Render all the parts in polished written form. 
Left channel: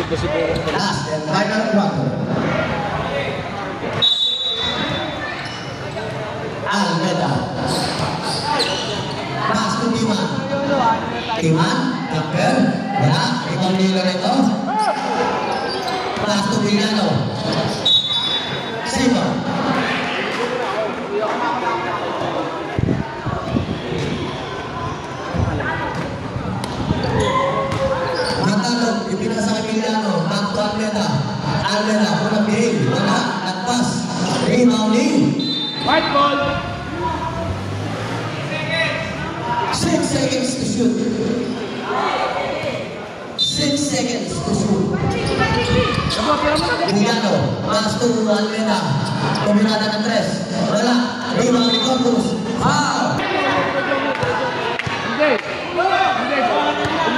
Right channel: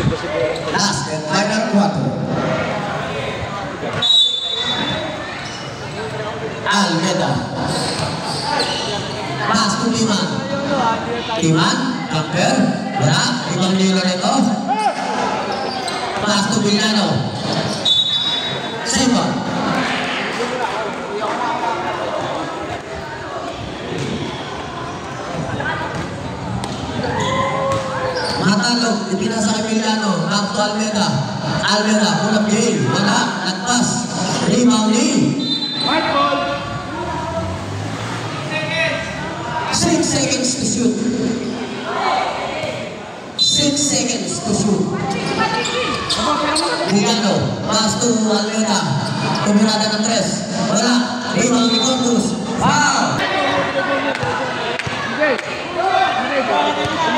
Last and final quarter. Almeida. Pass to Timan. Timan, Tucker. Ya, Timan nila nito. Pass to Villano. Simon. Matalog, ipinasa kay Villano. Back to Almeida. Almeida, punap game. Wala, nagpas. Rebound ni. White ball. 6 seconds to shoot. 6 seconds to shoot. Villano, pass to Almeida. Tumira ng 3. Wala. Rebound ni Corpus. Wow!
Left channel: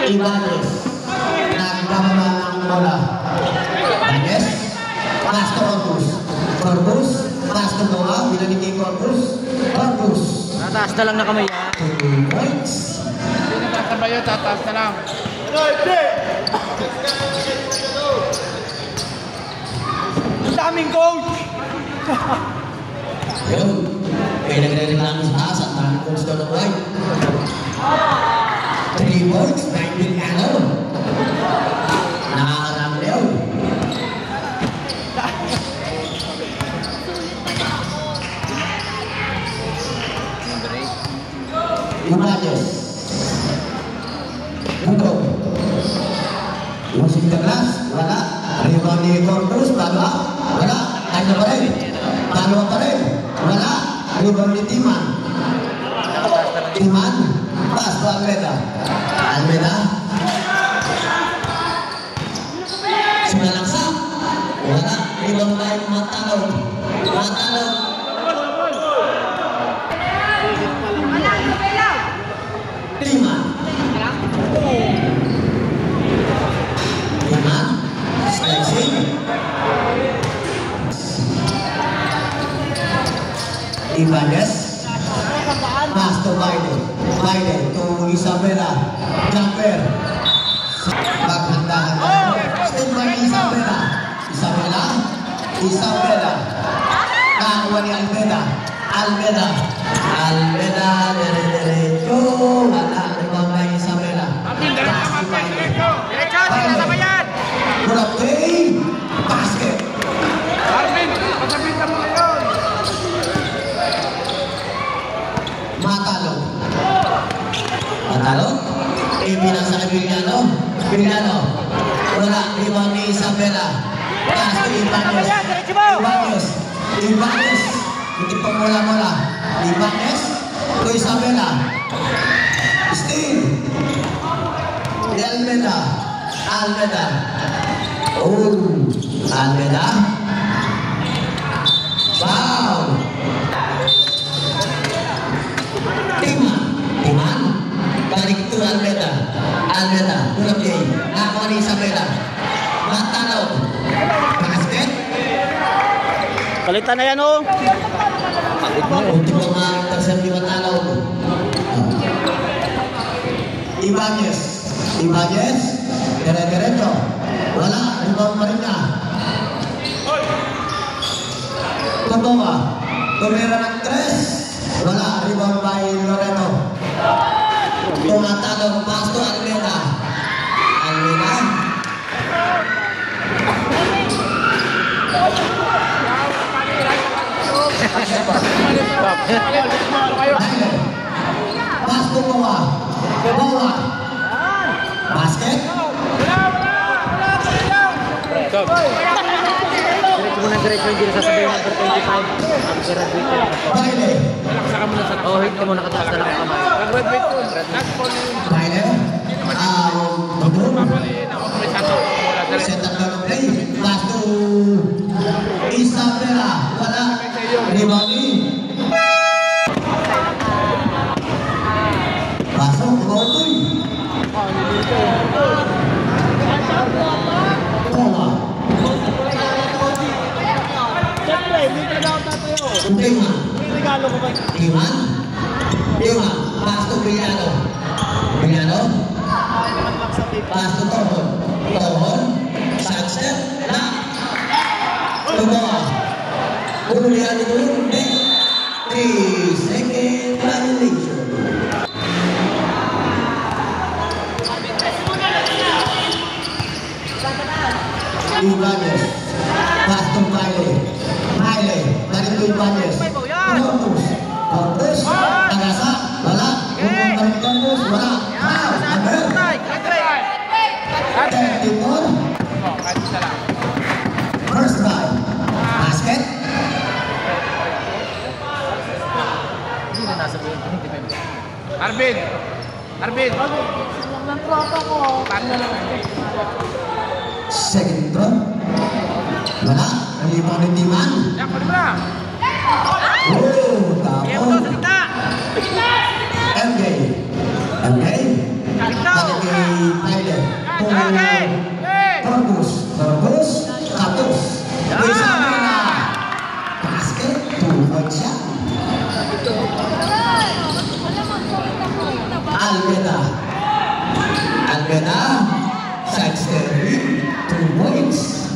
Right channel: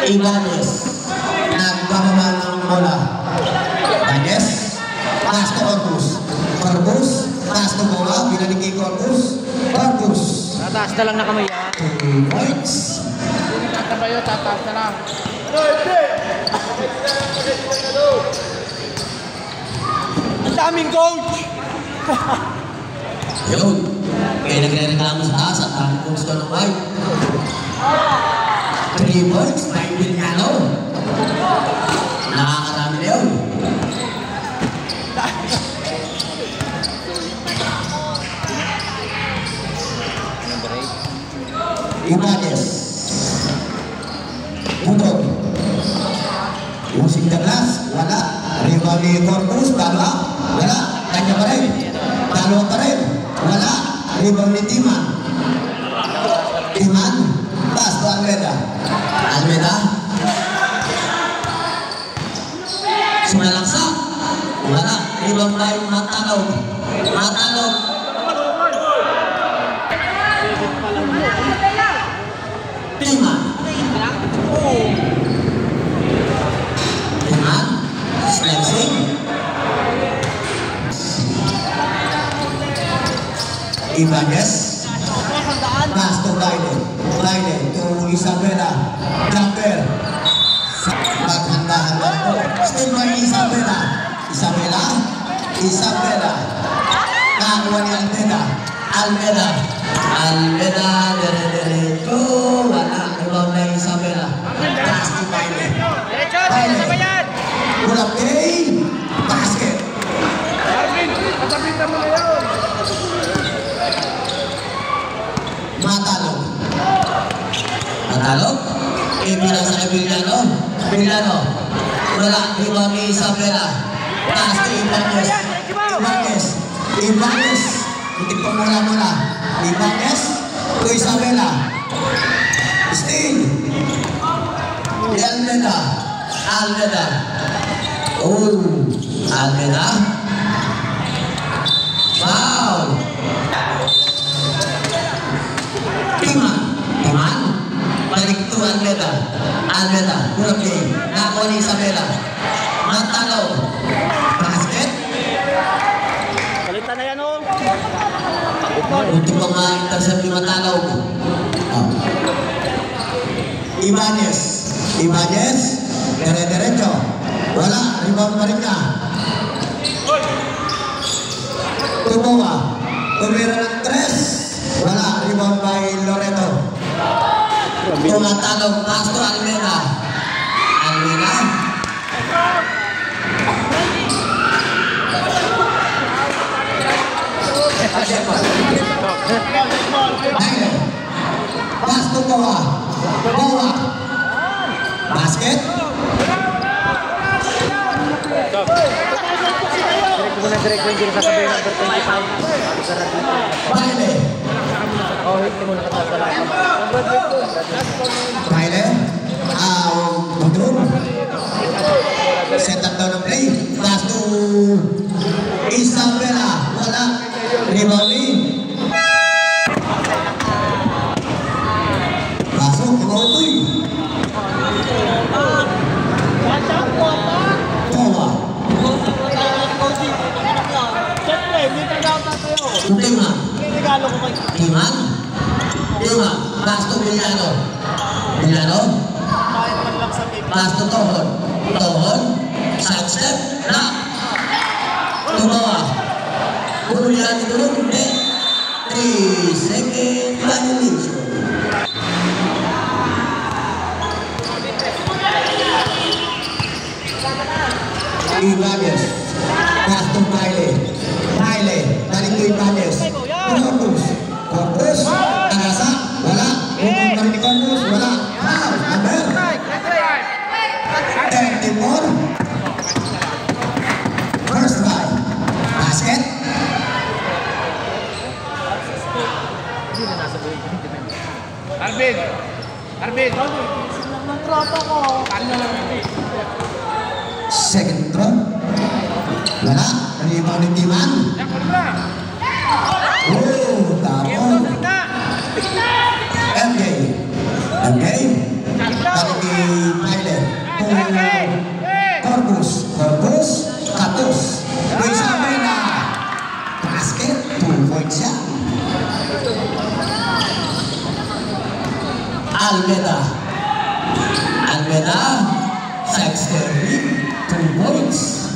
Ibanez. Nagpamama ng bola. Ibanez. Pass to Corpus. Corpus. Pass to bola. Binalik kay Corpus. Corpus. Tataas na lang na kamay yan. 2 points. Sino tatabayo, tataas na lang. Ang daming coach! Yun. Kaya nagre-reklamo sa taas at daming coach na ng white. 3 points. 9 Villano. Nakakarami na yun. Ibanez. Butog. Using the glass. Wala. Rebound ni Corpus. Dalawa. Wala. Kanya pa rin. Dalawa pa rin. Wala. Rebound ni Timan. Timan. Pass to Almeida. Almeida. Sumalangsa. Wala. Rebound tayo Matalog. Matalog. Timan. Timan. Slicing. Ibanez. Pass to Biden. Biden to Isabela. Jumper. Paghanda-handa po. Still by Isabela. Isabela. Isabela. Kakuha ni Almeida. Almeida. Almeida. Diretso. Wala. Ibang na Isabela. Pass to Biden. Diretso, sinasabay yan! Pull-up game. Basket. Arvin, pasabitan mo na yun! Matalog. Matalog. Ipinasa kay Villano. Villano. Wala. Rebound ni Isabela. Pass to Ibanez. Ibanez. Ibanez. Butik pa mula-mula. Ibanez to Isabela. Steal. Almeida. Almeida. Oh. Almeida. Foul. Timan. Timan. Balik to Almeida. Almeida. Pull-up game. Nakakuha ni Isabela. Matalog. Basket. Palitan na yan, oh! Ultimo nga intercept ni Matalog. Ibanez. Ibanez. Dire-diretso. Wala. Rebound pa rin na. Tumawa. Tumira ng 3. Wala. Rebound by Loreto. Tumatalog. Pass to Almeida. Almeida. Baile. Pass to Bawa. Bawa. Basket. Direct mo na direct yung hindi sasabihin ng 25. Baile. Oh, hit ka muna katapos na lang. Baile. Butog. Set up down ng play. Last to Isabela. Wala. Rebound. Pasok. Rotoy. Bawa. Siyempre, hindi talaga ako tatayo. Timan. Regalo ko ba? Timan. Timan. Pass to Villano. Villano. Kahit man lang sa paper. Pass to Tohon. Tohon. Tumawa. Bunuyan ito ng hindi. 3-second violation. Ibanez. Pass to Baile. Baile. Balik to Ibanez. Corpus. Corpus. Tagasa. Wala. Balik ni Corpus. Wala. Number 34. First try. Basket. Arvin! Arvin! Ng tropa ko. Second throw. Wala. Nalibaw ni Timan. Yan, pwede ba? Oh, tapos. MJ. MJ. Balik kay Baile. Corpus. Corpus. Katus. Isa na. Basket. 2 points yan. Almeda. Almeda. Saxtery. 2 points.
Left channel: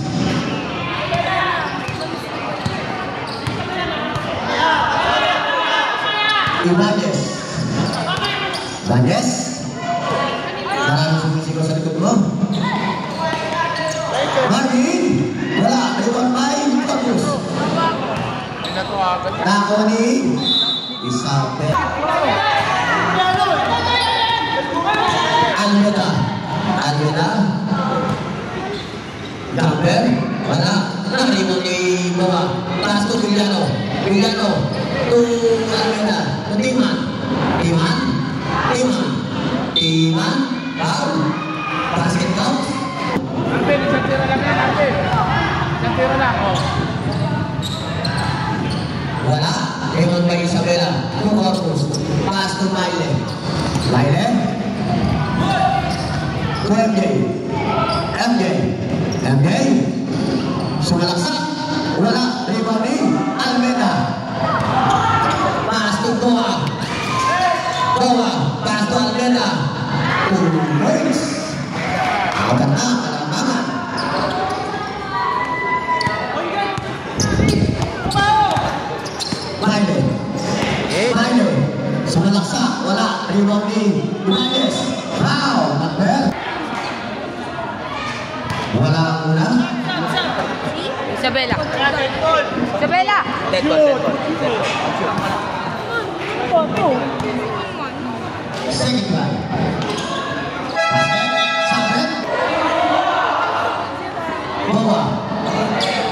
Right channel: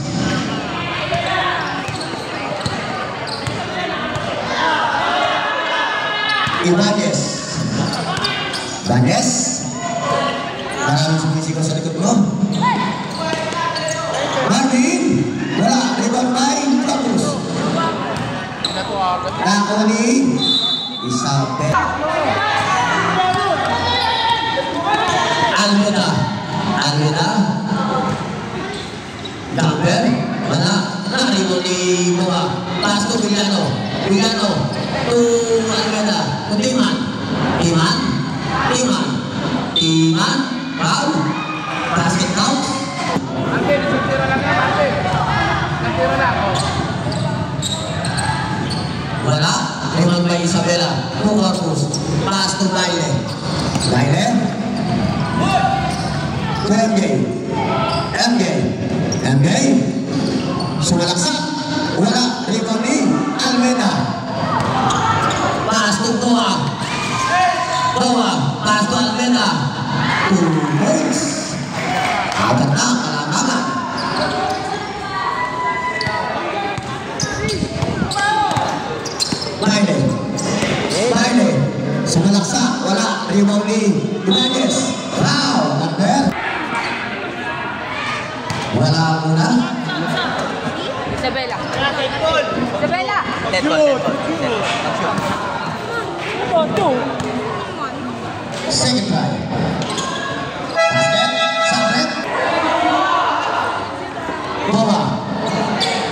Ibanez. Ibanez. Maraming sumisiko sa likod mo. Marvin. Wala. Rebound by Corpus. Nako ni Isabel. Almeda. Almeda. Jumper. Wala. Narino ni Moa. Pass to Villano. Villano. To Almeda. To Timan. Timan. Timan. Timan. Foul. Basket count. Arvin, isang tiro lang yan, Arvin. Isang tiro lang, oh. Wala. Rebound by Isabela. To Corpus. Pass to Baile. Baile. To MJ. MJ. MJ. Sumalaksak. Wala. Rebound ni Almeda. Pass to Toa. Toa. Pass to Almeda. 2 points. Apat na. Kalanganan. Baile. Baile. Sumalaksak. Wala. Rebound ni Ibanez. Foul. Number. Wala muna. Isabela. Isabela. Second try. Basket. Sabret. Bawa.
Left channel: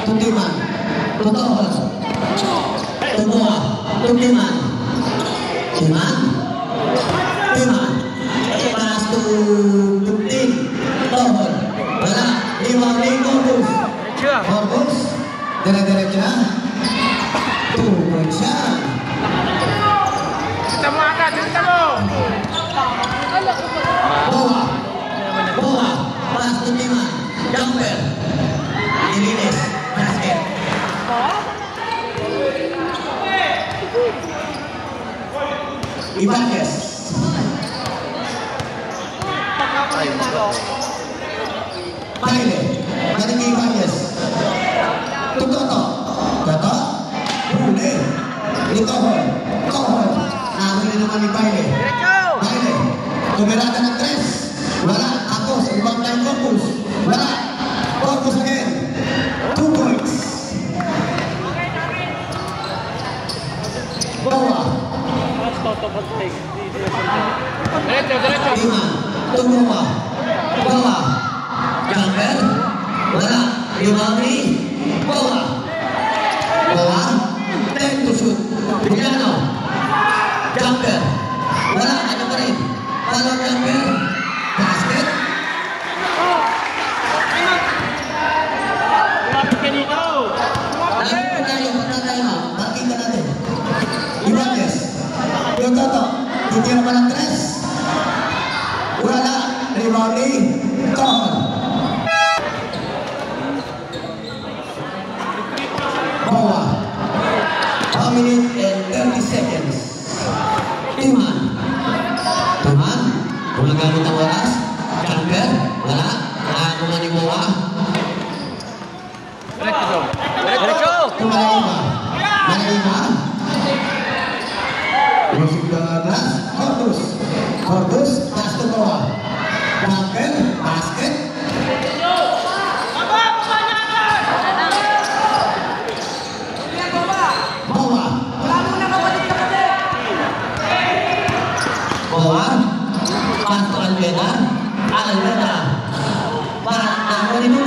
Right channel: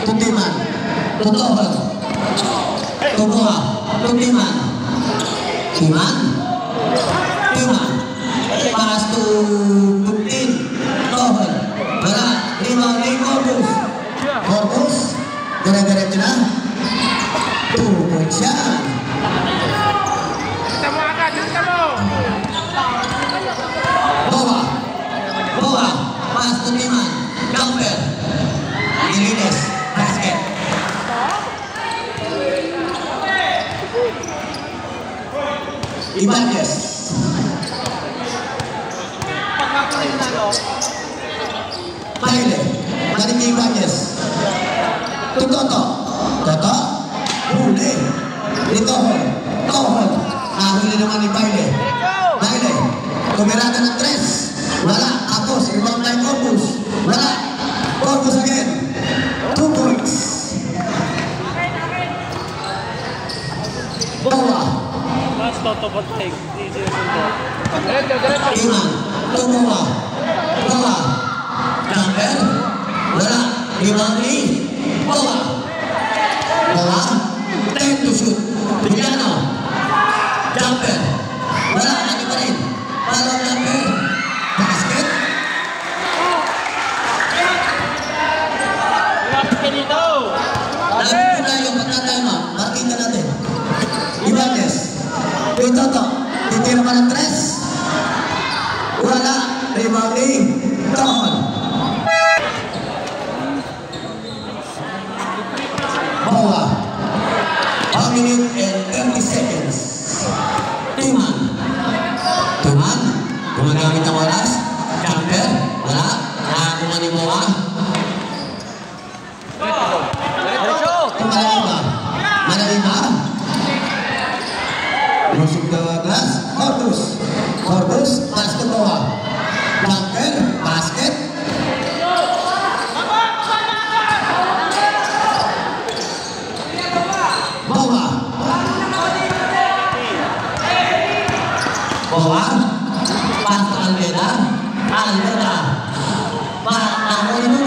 Tuntiman. Tutohol. Tutoha. Tuntiman. Timan. Timan. Pass to Tuntin. Tohol. Wala. Rebound ni Corpus. Corpus. Gara-gara na. 2 points yan. Kita mo agad, kita mo! Boa. Boa. Pass to Timan. Jumper. Irines. Basket. Ibanez. Baile. Balik ni Ibanez. Toto. Toto. Huli. Tohol. Tohol. Nahuli naman ni Baile. Baile. Tumirada ng 3. Wala. Kapos. Rebound by Corpus. Wala. Corpus again. 2 points. Bawa. Diretso, diretso. Timan. Tumuha. Bawa. Jumper. Wala. Rebound ni Bawa. Bawa. 10 to shoot. Villano. Jumper. Wala. Ano pa rin? Wala jumper. Basket. Lumapit ka dito! Alam po tayo, pagkatay mo. Pakita natin. Ibanez. Yung Toto. Titira pa ng 3. Wala. Rebound ni Tohol. Bawa. 1 minute and 30 seconds. Timan. Timan. Gumagamit ang oras. Jumper. Wala. Wala kumanin mo. Diretso, Joe. Diretso. Basket. Bawa. Bawa. Pas Alveda. Alveda. Pas Alveda.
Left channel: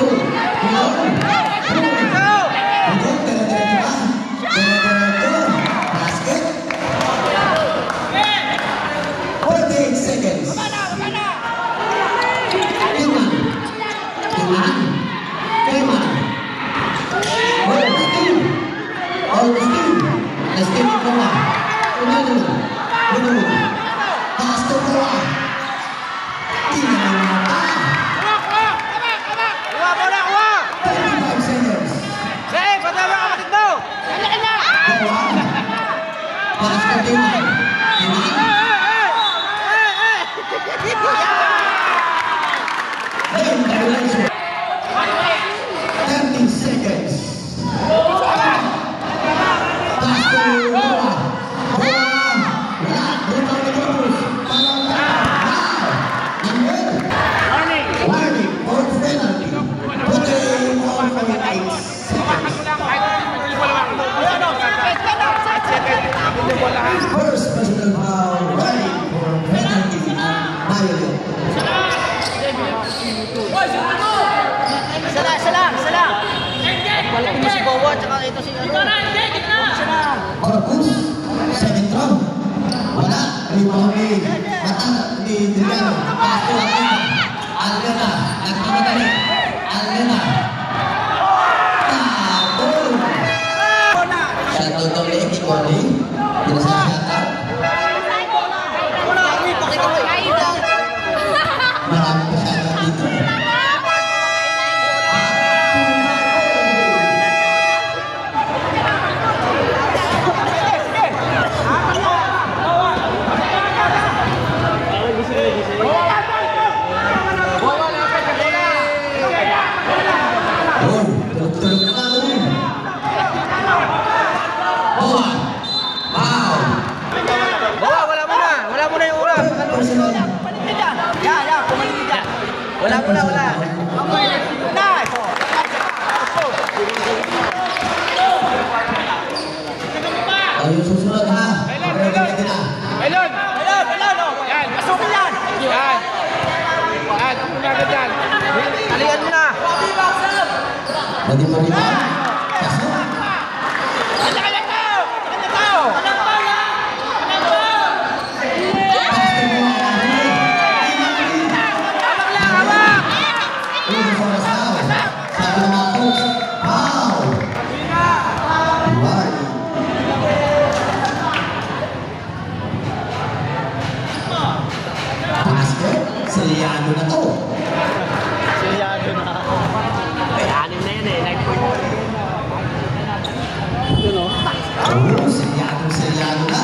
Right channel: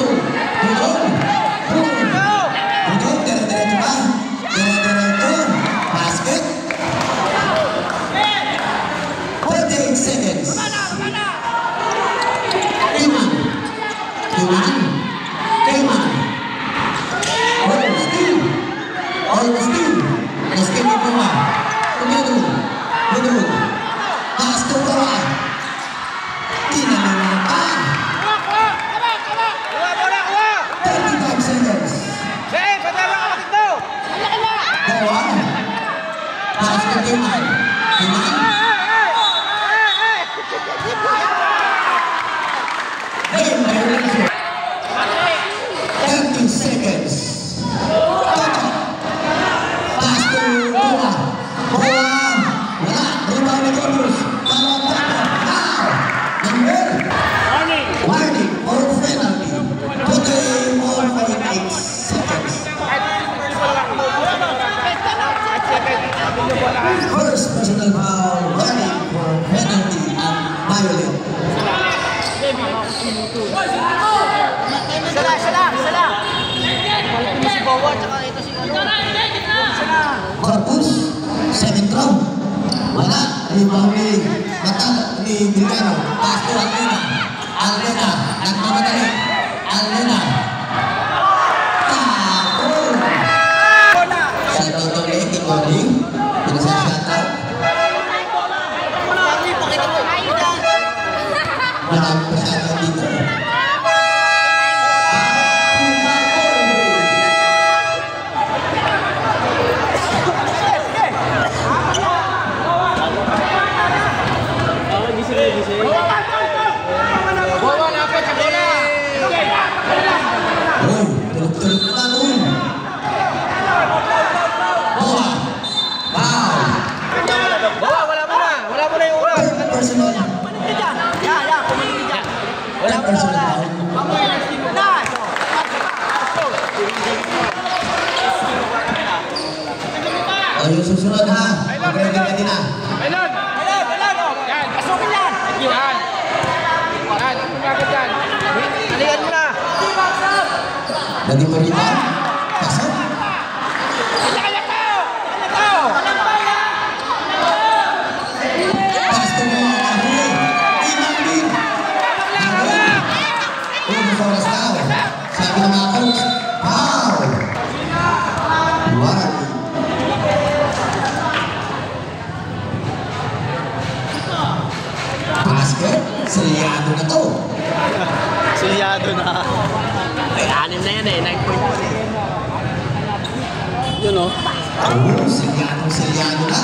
Basket. 28 seconds. Kiman. Augustine. Let's get it going. Middle. Pass to Bawa. Tingnan pa. 35 seconds. Bawa. Pass to Kiman. 30 seconds. Pass to Bawa. Wala. Rebound ni Corpus. Warning for penalty. Putting on for 8 seconds. First personal foul. Warning for penalty and violent. Balik mo si Bawa, tsaka ito si Corpus, 7th round. Wala. Rebound ni Drigano. Pass to Alveda. Nagmamadali. Alveda. Shoutout ulit kay Oli. Marami pa shoutout dito. Tulog na rin. Wow! Bawa, wala muna yung ulan. Wala. Ayun, susunod ha. Mag-ready lagi na. Elon! Yan. Pasukin yan! Yan. Umagad yan. Alihan mo na. Lagi po dito. Pasok. Sabi ng mga coach, foul! Warning. Basket, seriyado na to. Seriyado na. Ay, 6 na yan eh. 9 point. Ito no? Seryado na.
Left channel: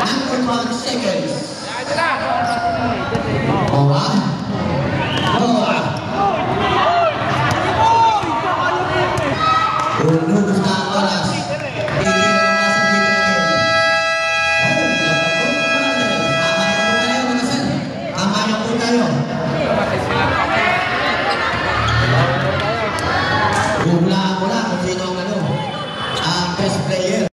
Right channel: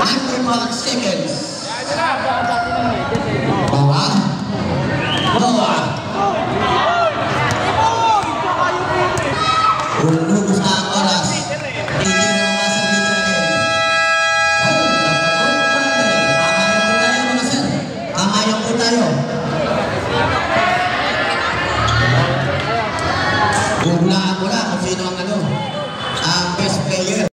After 12 seconds. Bawa. Lulubos na ang oras. Tigil na mga servitor game. Kamayan po tayo. Hulaan mo na.